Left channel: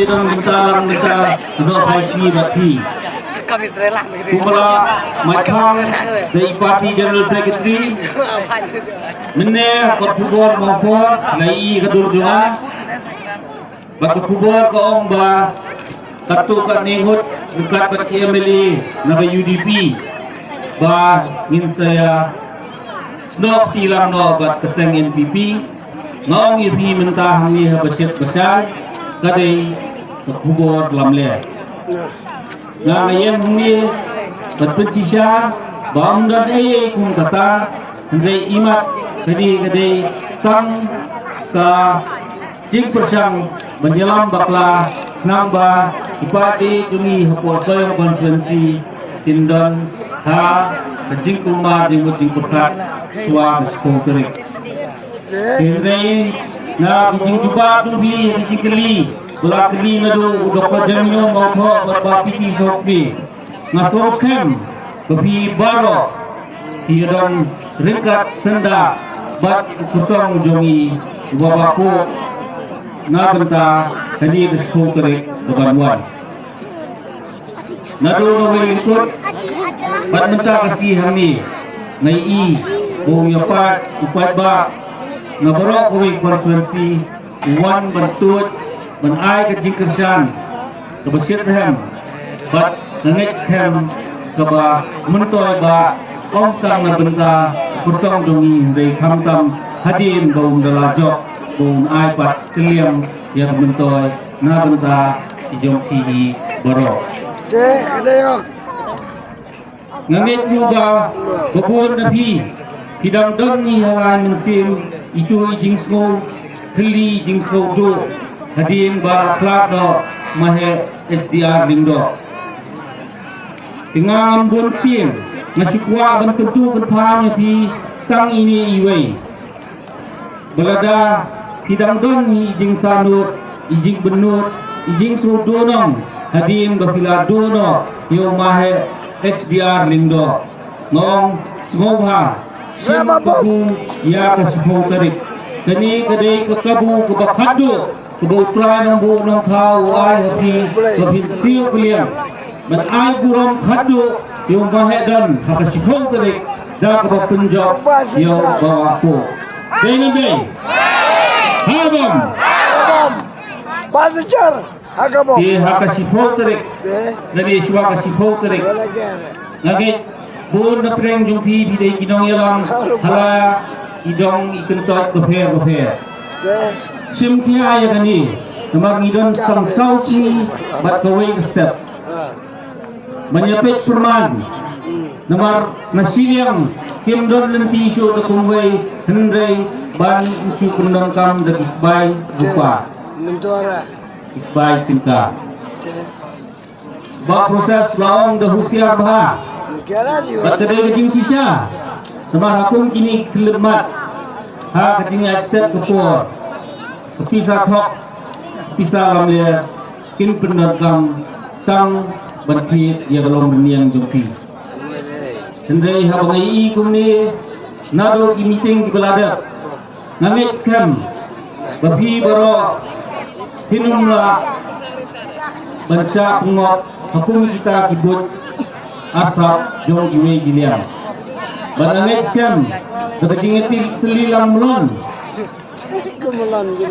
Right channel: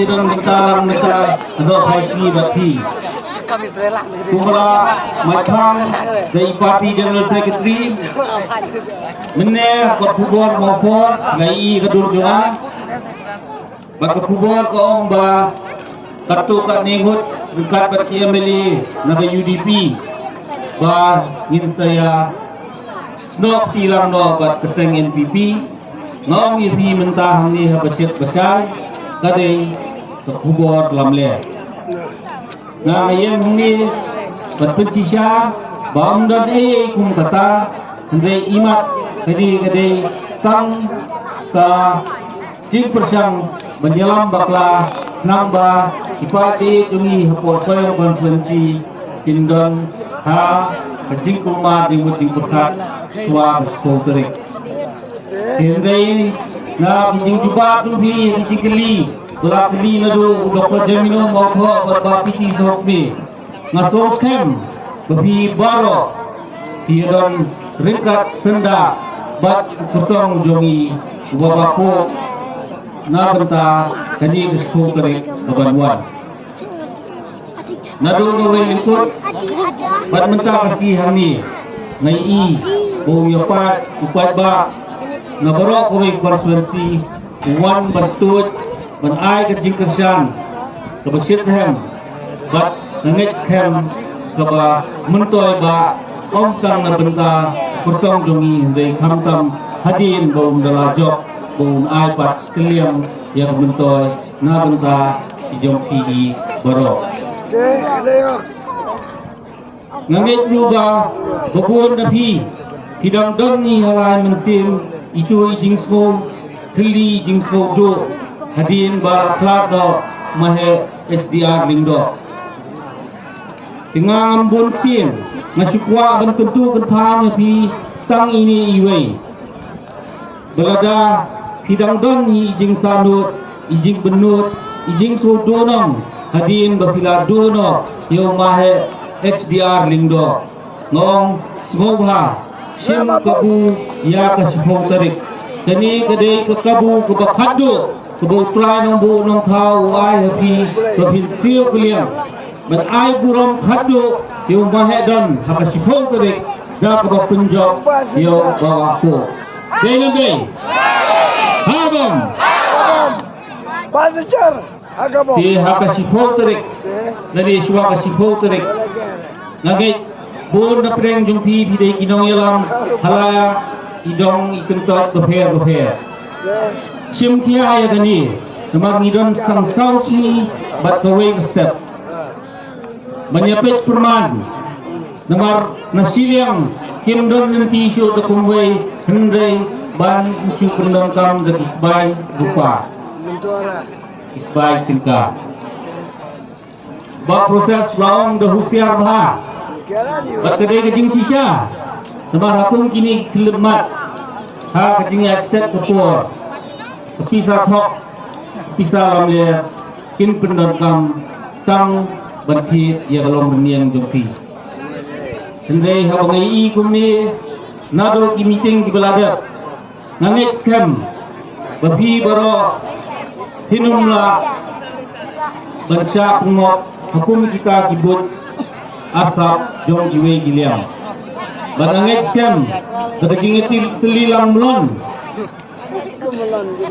di dalam bentalang kita sudah haji dati. Kami terelah Kumala macam dari parti General Secretary meneh berkubur maupun lai kedur juga berkubur ke omba katu kat nehut bukan parti MLA naga UDP ba ngin saya snok tilang no kat keseng NPP ngong UDP mentah ni habasyat besar kadai berkubur dalam le na ngayon humi terpencisya bawang dan kung kata hendai imat kadai tang ka jing persang menyelam bakla namba ipati jumi hapo soyong konferensi tindon ha jing kuma jing muting perkat suwa skoterik hendai na jing juba tubi jing keli Belakili nado doktor Jamino maupun berbapiti sokbi masukkan kepi baro hidan ringkat senda bat kutong jongi wabaku na benta tadi respo kerek kebaruan nado nawe ikut bat menta kasih hani ngai i bong yapat upat ba nabarok kami konferensi wan bertut menai kecing kesan kebesit hem bat nangit hem keba mentoy ba kongkang na benta kutong dungi dari kamtam hadin baum dalajok baum ai pat keliam yang mentoy na benta ijom ki baro nangit juga bukun nabi hidang don ni halai mensim itu ijing sko keli ijing sko do hadin ba klado mahe SDR lingdo tingang bon pin nasikwa ban tentu berpanya pi tang ini iwei belada hidang don ijing sanut ijing benut ijing sudonong hadin ba piladono yo mahe SDR lingdo nong smobha sim kabu ya kasipong tarik kani kadai kekabu kebakhado kebetulan yang bu nong tahu ai happy provinsi kalian but ai buram khado yang mahedan hakasipong tarik dak ba punjab yang bawah tu dengan dei habam bazaar agamo ti hakasipong tarik dari suwa hakasipong tarik ngagit bun na preng jung pi bidai kinong yalam hala idong ikentot kofer sim kia ya gani namang idom sang sauti bat kawing step menyepit perman namar nasiliang kim don nanti isu to kumway hendrai ban isu pendongkam de isbai rupa isbai tingka ba proses baong de husiar bah bat kedai kecing sisa namar hakung kini kelemat ha kecing expert ketua pisah thok pisah lamle kin pendakam tang berkhit ya dalam dunia jumpi hendai habangai i kumni nado ki meeting di belada nangit scam babi baro hinumla bansa pengok hukum kita kibut asap jong jiwe gilian nangit scam berjing telilang bulan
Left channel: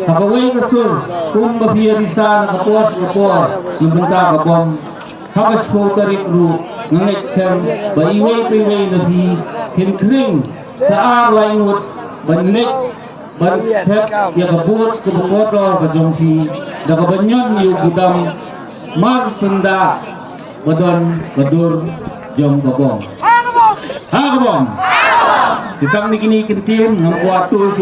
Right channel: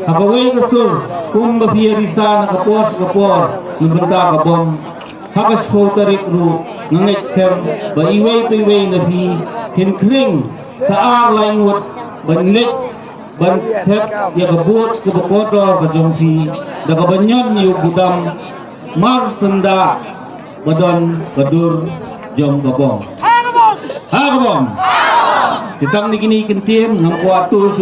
Habaway kesul kung babiya risa nakapos kapor nabenta kapong hakas po tarik ru nangit scam ba iway nabi hinkring sa arlayngot banlit bantet ya kabut kabakotor bajongki nakabanyan yung budam mar sunda badon kadur jom kabong hagabong ditang ni kini kentim ng kuwatu